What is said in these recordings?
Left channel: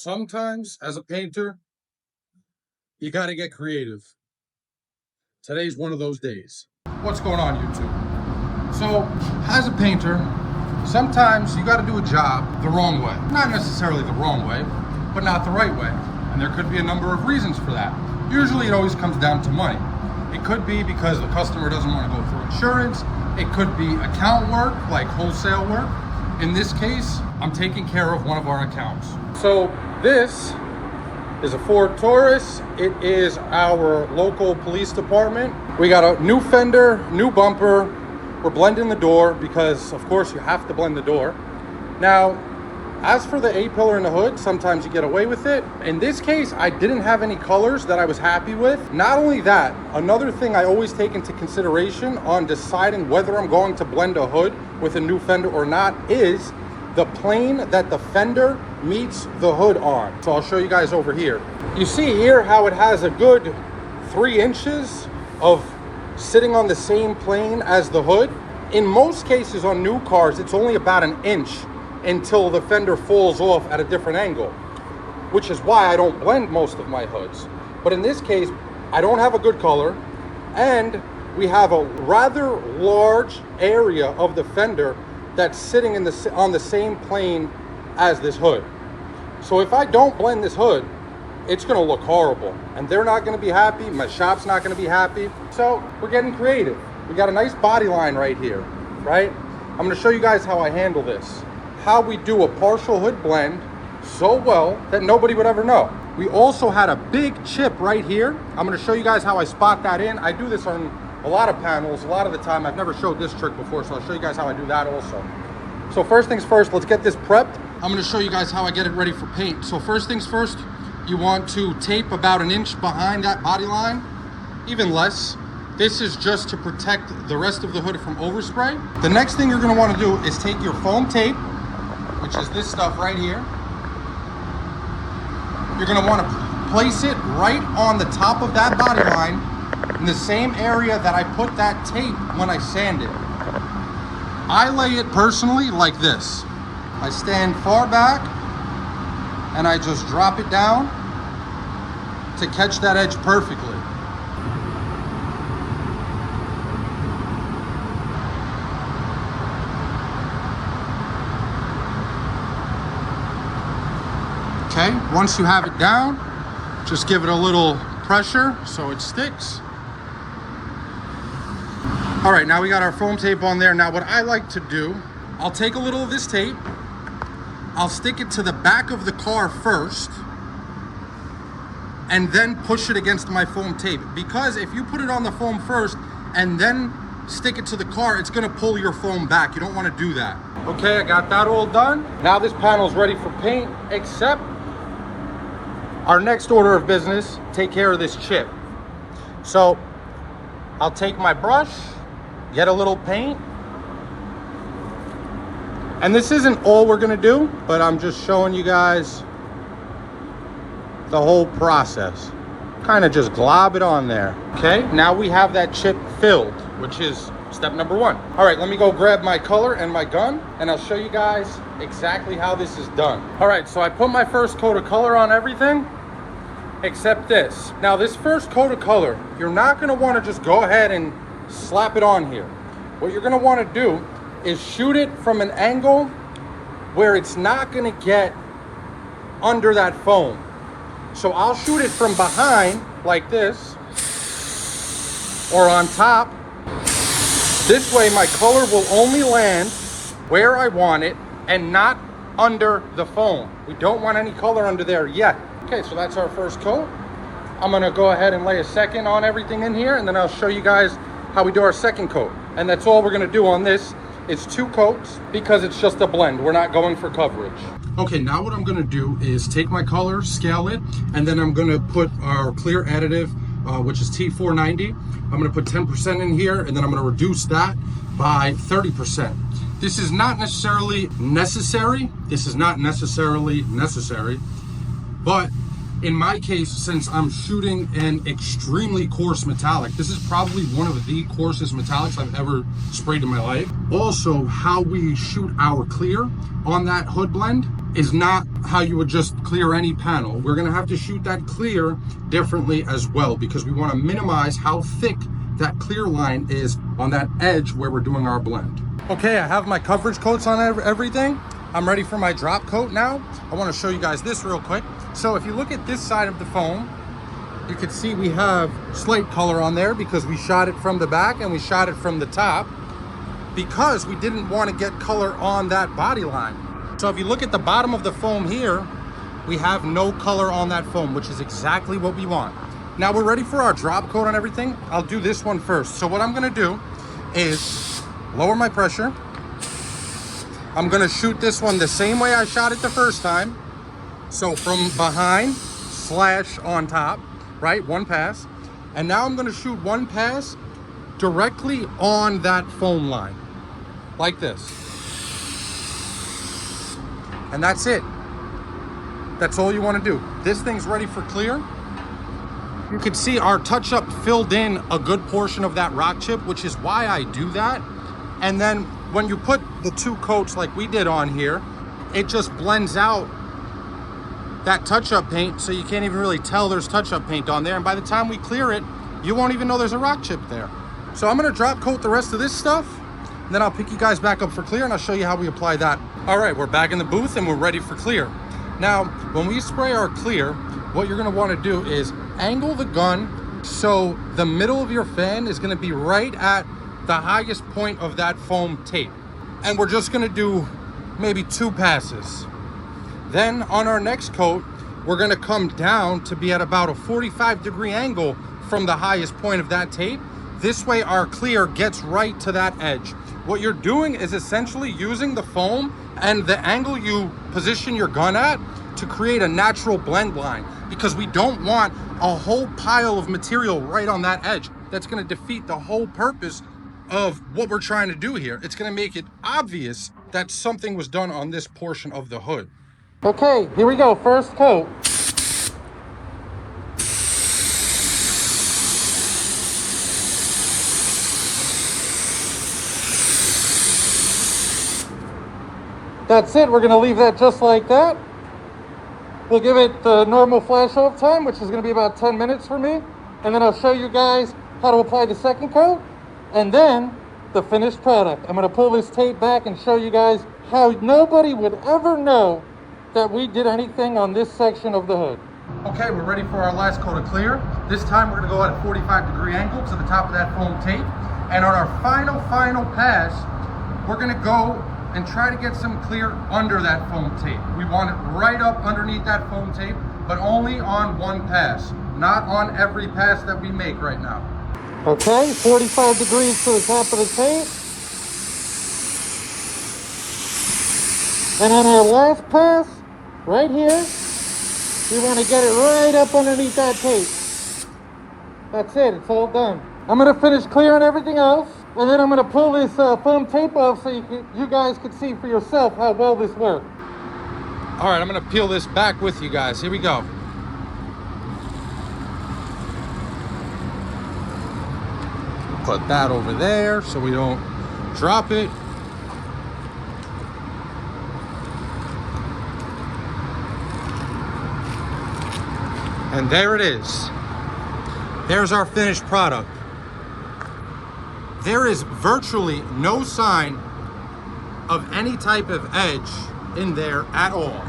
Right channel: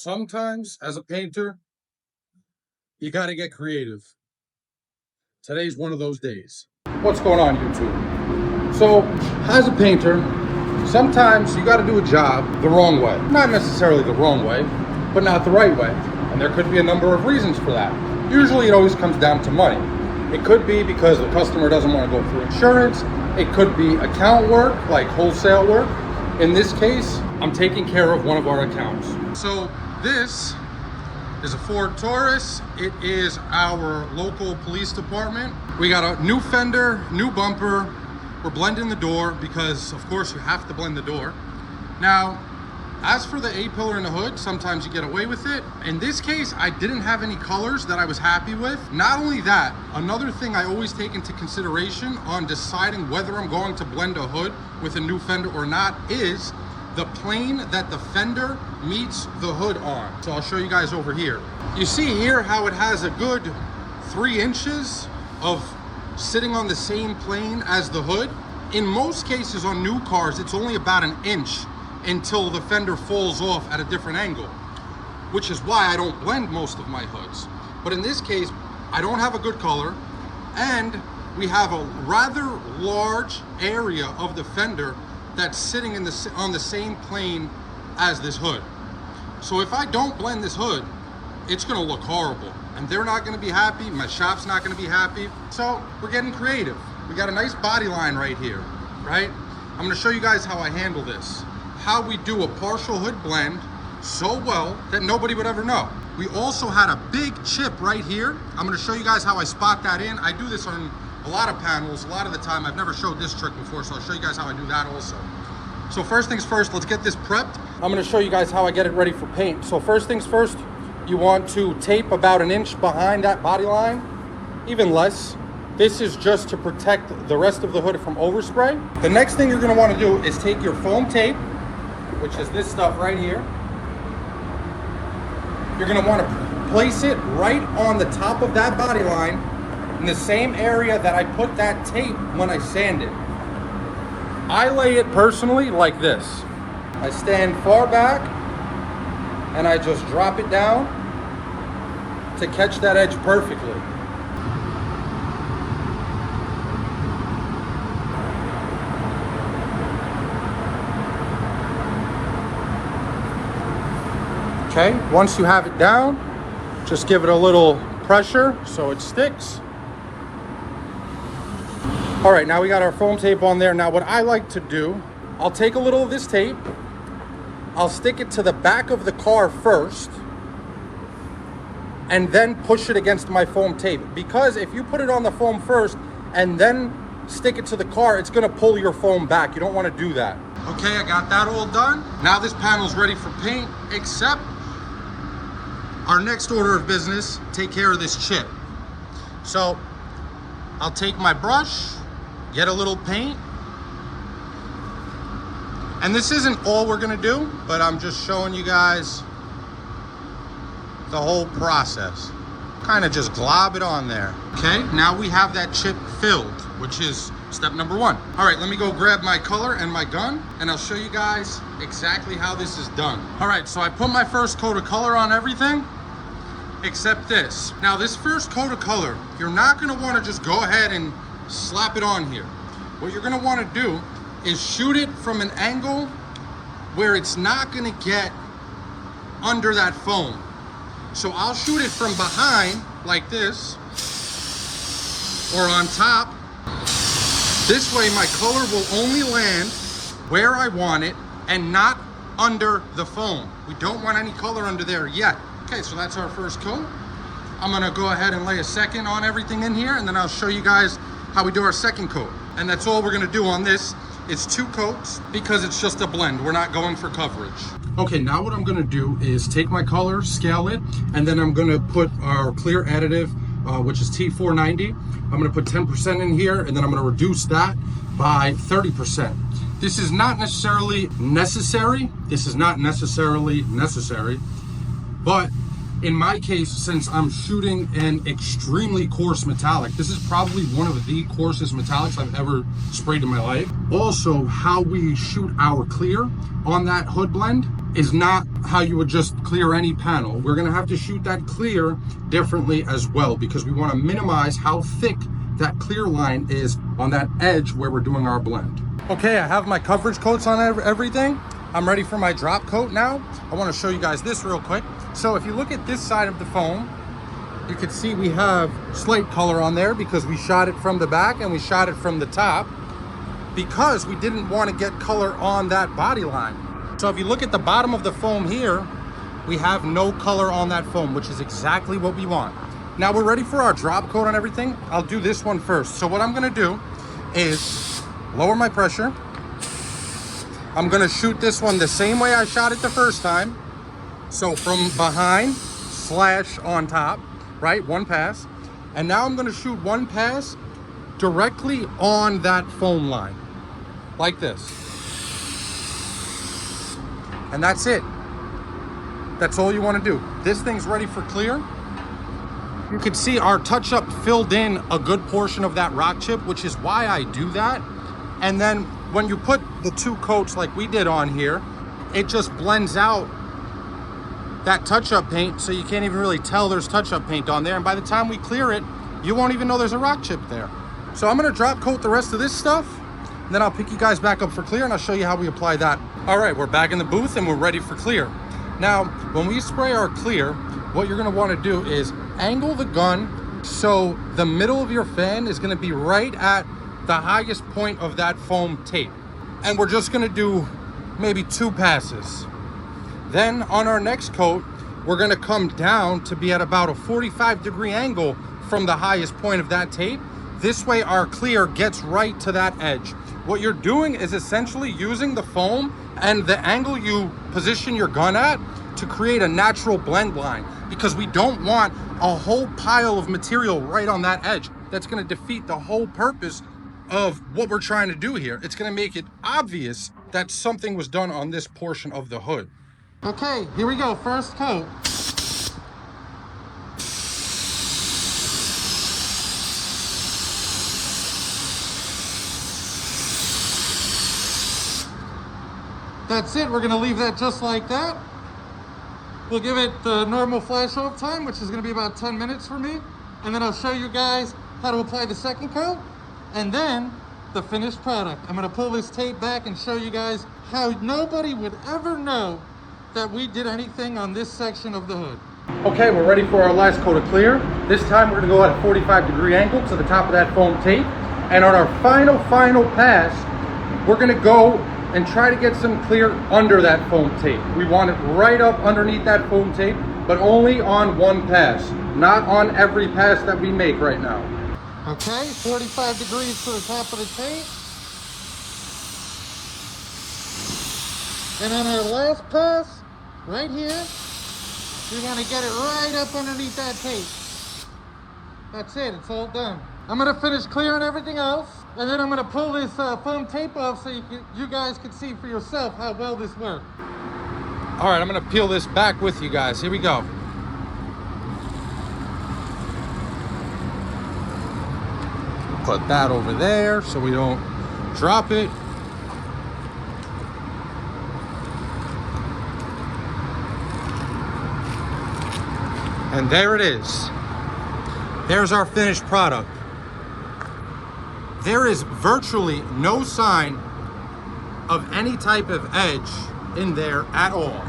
Sometimes, as a painter, you got to get creative. Today's one of those days. What's going on, YouTube? So, as a painter, sometimes you got to do a job the wrong way. Not necessarily the wrong way, but not the right way. And there could be a number of reasons for that. Usually it always comes down to money. It could be because the customer doesn't want to go through insurance. It could be account work, like wholesale work. In this case, I'm taking care of one of our accounts. So this is a Ford Taurus. It is our local police department. We got a new fender, new bumper. We're blending the door because, of course, you have to blend the door. Now, as for the A-pillar in the hood, sometimes you get away with it. In this case, I didn't have any colors that I was happy with. Not only that, another thing I always take into consideration on deciding whether I'm going to blend a hood with a new fender or not is the plane that the fender meets the hood on. So I'll show you guys over here. You see here how it has a good 3 inches of sitting on the same plane as the hood. In most cases on new cars, it's only about 1 inch until the fender falls off at a different angle, which is why I don't blend most of my hoods. But in this case, I don't have a good color, and we have a rather large area of the fender that's sitting on the same plane as this hood. So if I don't blend this hood, it's gonna look horrible, and they're not gonna be happy, my shop's not gonna be happy. So we're getting creative. We got a nice body line right here, right? I'm gonna show you guys how I handle this. How we do a partial hood blend so well that nobody would ever know. We also had a big chip right here. I'm gonna show you guys how I spot that in. I do this on a lot of panels, a lot of the time. I've never showed this trick before, so I'll show you guys how I do that also. So first things first, let's get this prepped. I'm gonna show you guys how I get it ready for paint. So first things first, you want to tape about 1 inch behind that body line, even less. This is just to protect the rest of the hood from overspray. The next thing you're gonna wanna do is take your foam tape, which is this stuff right here. You're gonna wanna place it right on the top of that body line in the same area that I put that tape when I sanded. I lay it personally like this. I stand far back and I just drop it down to catch that edge perfectly. Okay, once you have it down, just give it a little pressure so it sticks. All right, now we got our foam tape on there. Now what I like to do, I'll take a little of this tape, I'll stick it to the back of the car first, and then push it against my foam tape. Because if you put it on the foam first and then stick it to the car, it's gonna pull your foam back. You don't wanna do that. Okay, I got that all done. Now this panel's ready for paint, except our next order of business, take care of this chip. So I'll take my brush, get a little paint, and this isn't all we're gonna do, but I'm just showing you guys the whole process. Kind of just glob it on there. Okay, now we have that chip filled, which is step number 1. All right, let me go grab my color and my gun, and I'll show you guys exactly how this is done. All right, so I put my first coat of color on everything, except this. Now this first coat of color, you're not gonna wanna just go ahead and slap it on here. What you're gonna wanna do is shoot it from an angle where it's not gonna get under that foam. So I'll shoot it from behind like this, or on top. This way my color will only land where I want it and not under the foam. We don't want any color under there yet. Okay, so that's our first coat. I'm gonna go ahead and lay a second on everything in here, and then I'll show you guys how we do our second coat. And that's all we're gonna do on this. It's 2 coats because it's just a blend. We're not going for coverage. Okay, now what I'm gonna do is take my color, scale it, and then I'm gonna put our clear additive, which is T490. I'm gonna put 10% in here, and then I'm gonna reduce that by 30%. This is not necessarily necessary. But in my case, since I'm shooting an extremely coarse metallic, this is probably one of the coarsest metallics I've ever sprayed in my life. Also, how we shoot our clear on that hood blend is not how you would just clear any panel. We're gonna have to shoot that clear differently as well, because we wanna minimize how thick that clear line is on that edge where we're doing our blend. Okay, I have my coverage coats on everything. I'm ready for my drop coat now. I wanna show you guys this real quick. So if you look at this side of the foam, you can see we have slight color on there because we shot it from the back and we shot it from the top, because we didn't want to get color on that body line. So if you look at the bottom of the foam here, we have no color on that foam, which is exactly what we want. Now we're ready for our drop coat on everything. I'll do this one first. So what I'm gonna do is lower my pressure. I'm gonna shoot this one the same way I shot it the first time. So from behind / on top, right? One pass. And now I'm gonna shoot one pass directly on that foam line, like this. And that's it. That's all you wanna do. This thing's ready for clear. You can see our touch-up filled in a good portion of that rock chip, which is why I do that. And then when you put the two coats like we did on here, it just blends out that touch-up paint, so you can't even really tell there's touch-up paint on there. And by the time we clear it, you won't even know there's a rock chip there. So I'm gonna drop coat the rest of this stuff, and then I'll pick you guys back up for clear, and I'll show you how we apply that. All right, we're back in the booth and we're ready for clear. Now, when we spray our clear, what you're gonna wanna do is angle the gun so the middle of your fan is gonna be right at the highest point of that foam tape. And we're just gonna do maybe 2 passes. Then on our next coat, we're gonna come down to be at about a 45-degree angle from the highest point of that tape. This way our clear gets right to that edge. What you're doing is essentially using the foam and the angle you position your gun at to create a natural blend line, because we don't want a whole pile of material right on that edge. That's gonna defeat the whole purpose of what we're trying to do here. It's gonna make it obvious that something was done on this portion of the hood. Okay, here we go, first coat. That's it, we're gonna leave that just like that. We'll give it the normal flash off time, which is gonna be about 10 minutes for me. And then I'll show you guys how to apply the second coat and then the finished product. I'm gonna pull this tape back and show you guys how nobody would ever know that we did anything on this section of the hood. Okay, we're ready for our last coat of clear. This time we're gonna go at a 45-degree angle to the top of that foam tape. And on our final pass, we're gonna go and try to get some clear under that foam tape. We want it right up underneath that foam tape, but only on one pass, not on every pass that we make right now. Okay, 45 degrees to the top of the tape. And on our last pass, right here, we want to get it right up underneath that tape. That's it, it's all done. I'm gonna finish clearing everything else, and then I'm gonna pull this foam tape off so you guys can see for yourself how well this worked. All right, I'm gonna peel this back with you guys. Here we go. Put that over there so we don't drop it. And there it is. There's our finished product. There is virtually no sign of any type of edge in there at all.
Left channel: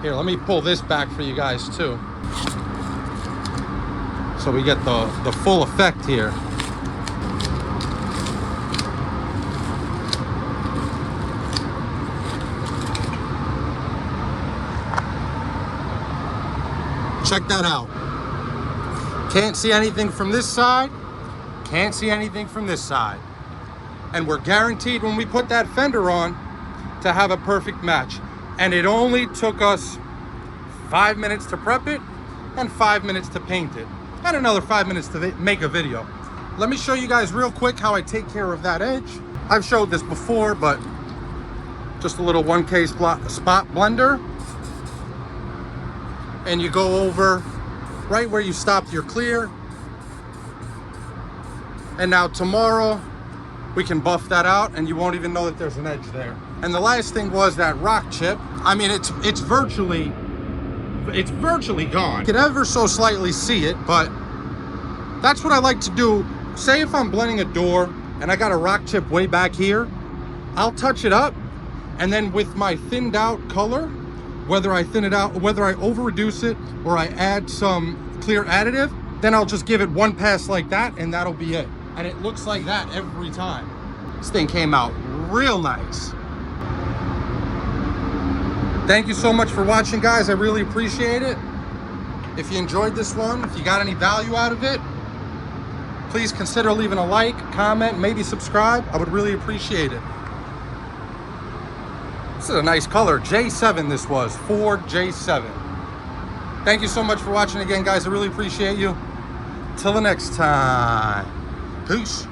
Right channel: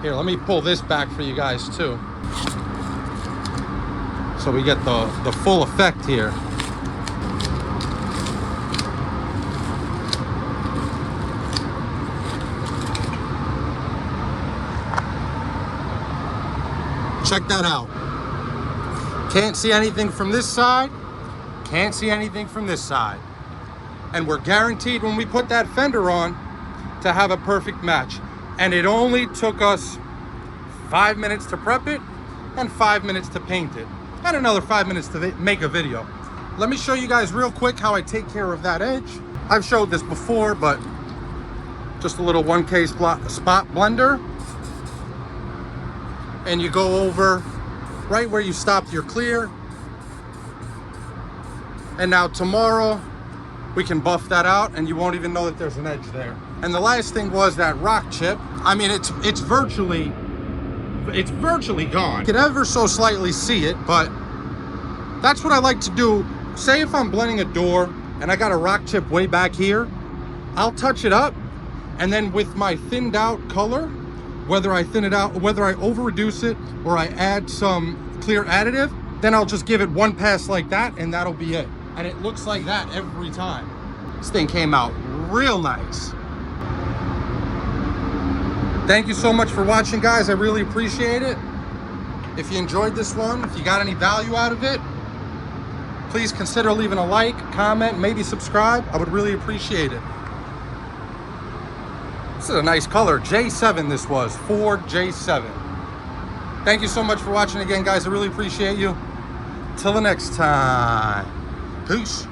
Here, let me pull this back for you guys too, so we get the full effect here. Check that out. Can't see anything from this side, can't see anything from this side. And we're guaranteed when we put that fender on to have a perfect match. And it only took us 5 minutes to prep it and 5 minutes to paint it, and another 5 minutes to make a video. Let me show you guys real quick how I take care of that edge. I've showed this before, but just a little 1K spot blender. And you go over right where you stopped your clear. And now tomorrow, we can buff that out and you won't even know that there's an edge there. And the last thing was that rock chip. I mean, it's virtually gone. You can ever so slightly see it, but that's what I like to do. Say if I'm blending a door and I got a rock chip way back here, I'll touch it up, and then with my thinned out color, whether I thin it out, whether I over reduce it or I add some clear additive, then I'll just give it one pass like that, and that'll be it. And it looks like that every time. This thing came out real nice. Thank you so much for watching, guys. I really appreciate it. If you enjoyed this one, if you got any value out of it, please consider leaving a like, comment, maybe subscribe. I would really appreciate it. This is a nice color. J7 this was, Ford J7. Thank you so much for watching again, guys. I really appreciate you. Till the next time. Peace.